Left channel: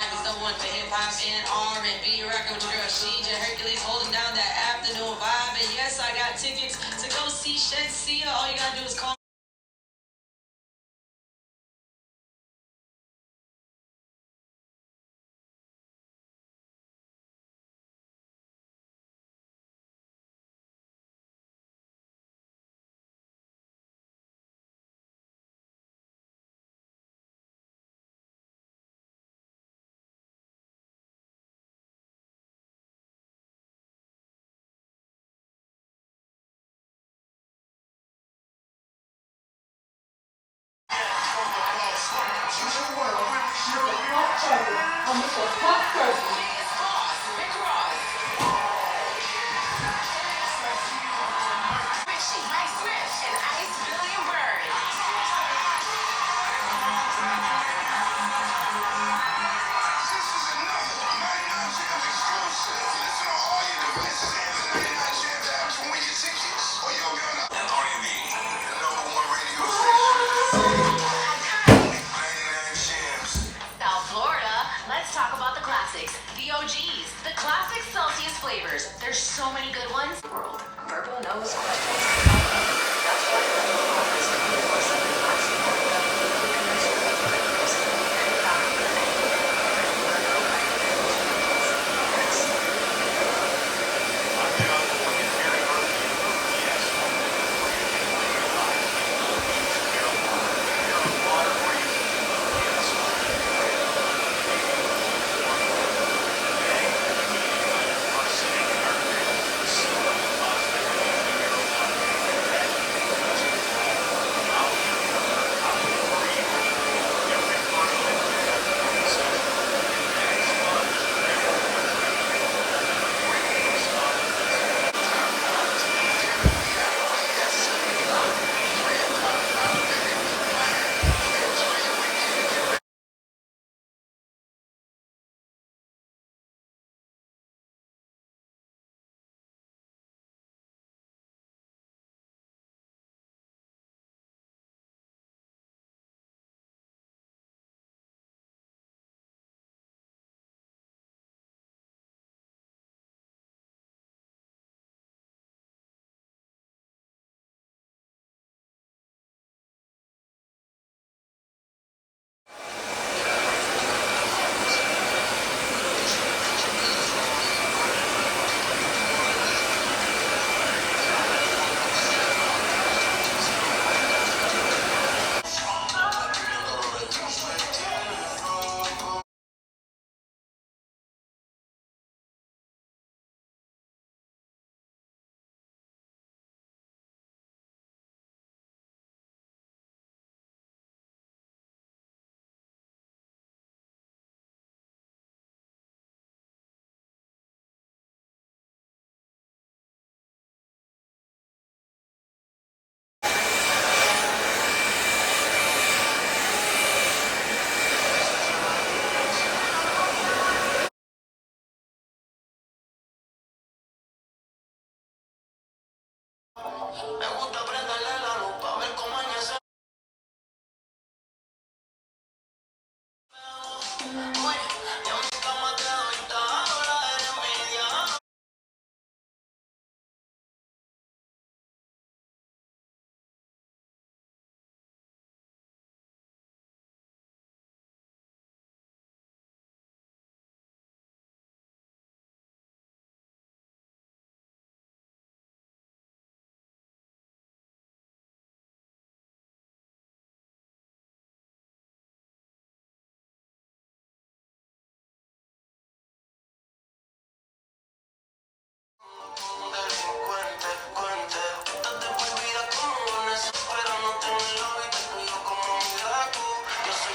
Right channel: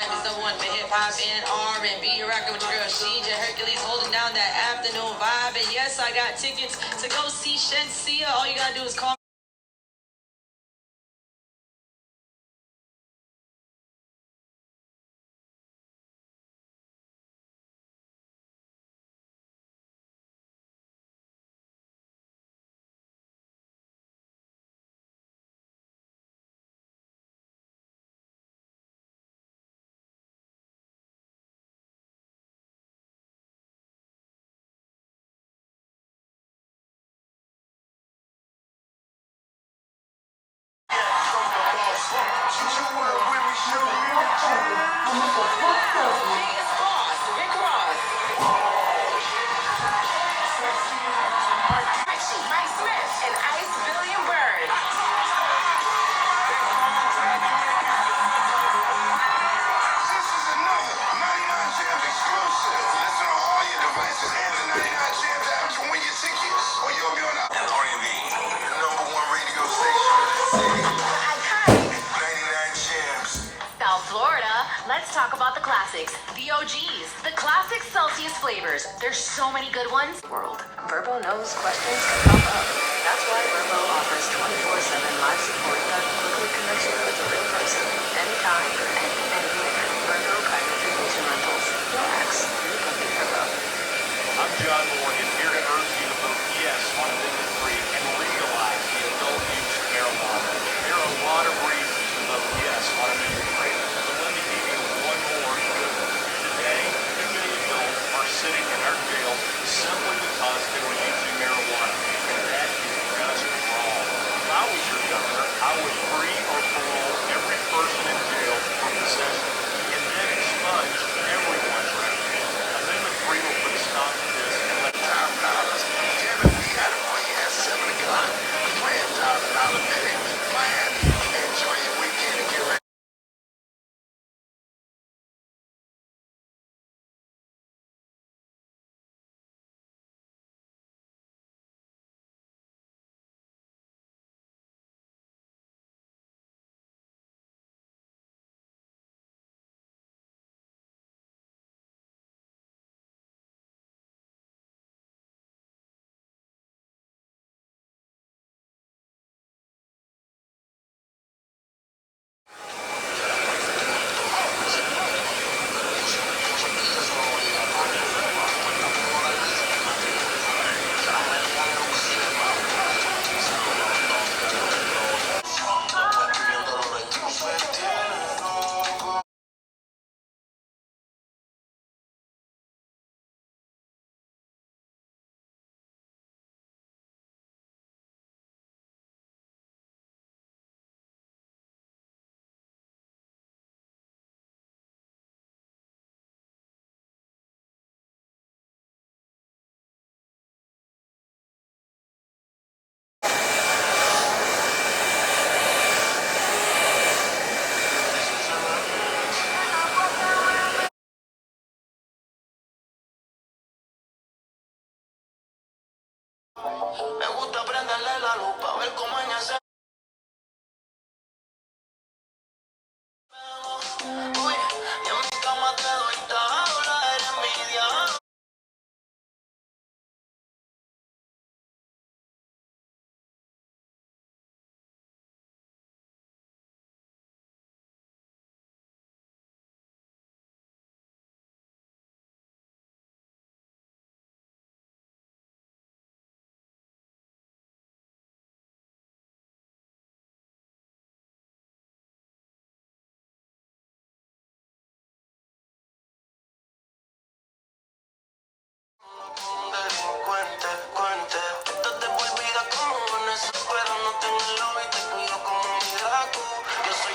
Is the one for hip hop and R&B, rocking with your girl Sheija Hercules, holding down that afternoon vibe. And yes, I got tickets to go see Shensia. All you gotta do is call. South Florida, let's talk about the classics, the OGs, the classic Celsius flavors. There's so many good ones. World. Verbo knows what. That's what Verbo offers. Me gusta prenderle la luz para ver cómo en ese y en mi cama te doy tabla de envidia. Delincuente, cuente, estás de por vida como Vanessa, pero no tengo el lobby, te cuido como mi gato. Yo soy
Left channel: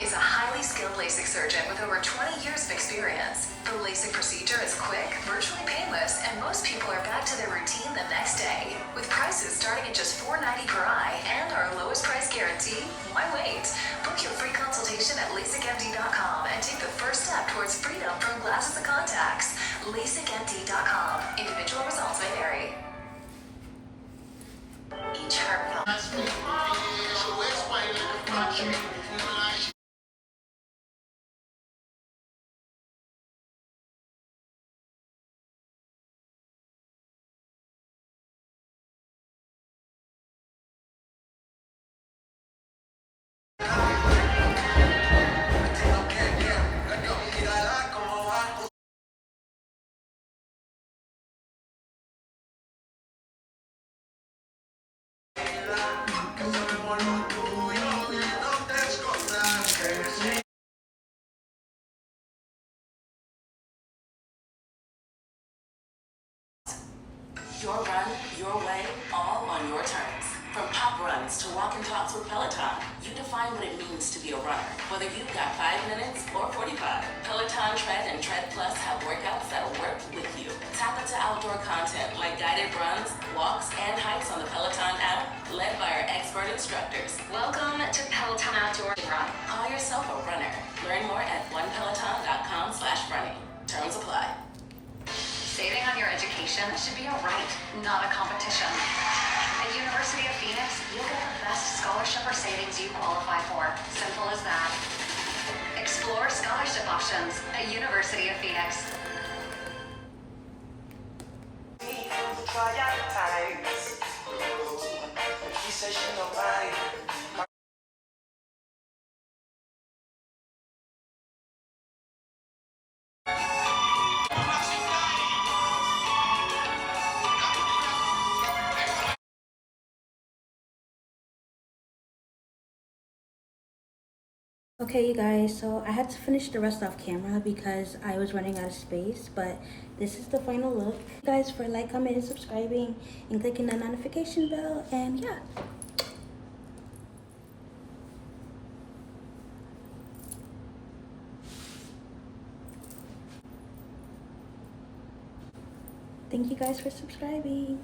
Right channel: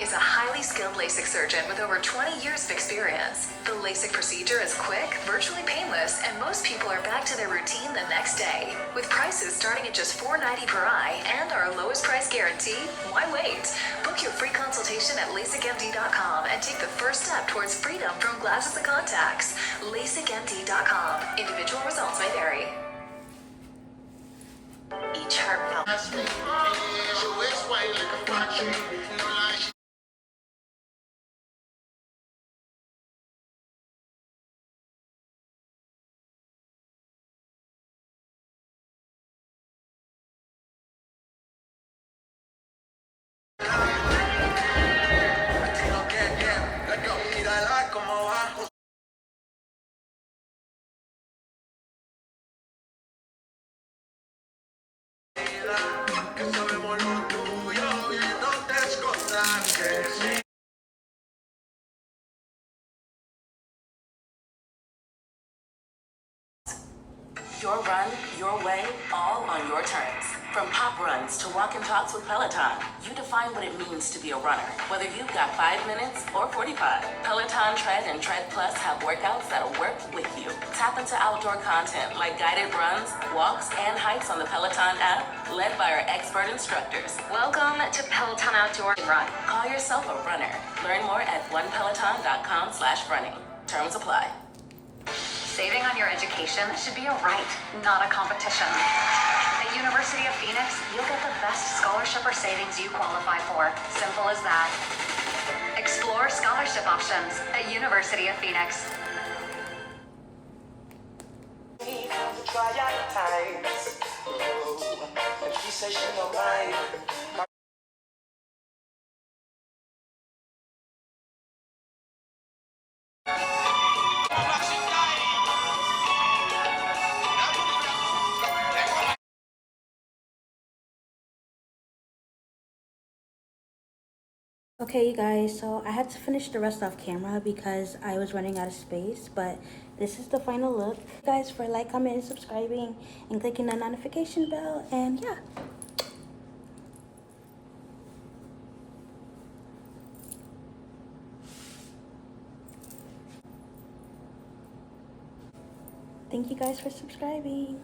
Is a highly skilled LASIK surgeon with over 20 years of experience. The LASIK procedure is quick, virtually painless, and most people are back to their routine the next day. With prices starting at just $4.90 per eye and our lowest price guarantee, why wait? Book your free consultation at LASIKMD.com and take the first step towards freedom from glasses and contacts. LASIKMD.com. Individual results may vary. Each heartfelt. your run, your way, all on your terms. From pop runs to walk and talks with Peloton, you define what it means to be a runner. Whether you've got 5 minutes or 45, Peloton Tread and Tread Plus have workouts that'll work with you. Tap into outdoor content like guided runs, walks, and hikes on the Peloton app, led by our expert instructors. Welcome to Peloton Outdoor Run. Call yourself a runner. Learn more at onepeloton.com/running. Terms apply. Saving on your education should be a right, not a competition. At University of Phoenix, you'll get the best scholarship or savings you qualify for. Simple as that. Explore scholarship options at University of Phoenix. Okay, you guys, so I had to finish the rest off camera because I was running out of space, but this is the final look. Thank you guys for like, commenting, subscribing, and clicking the notification bell, and yeah. Thank you guys for subscribing.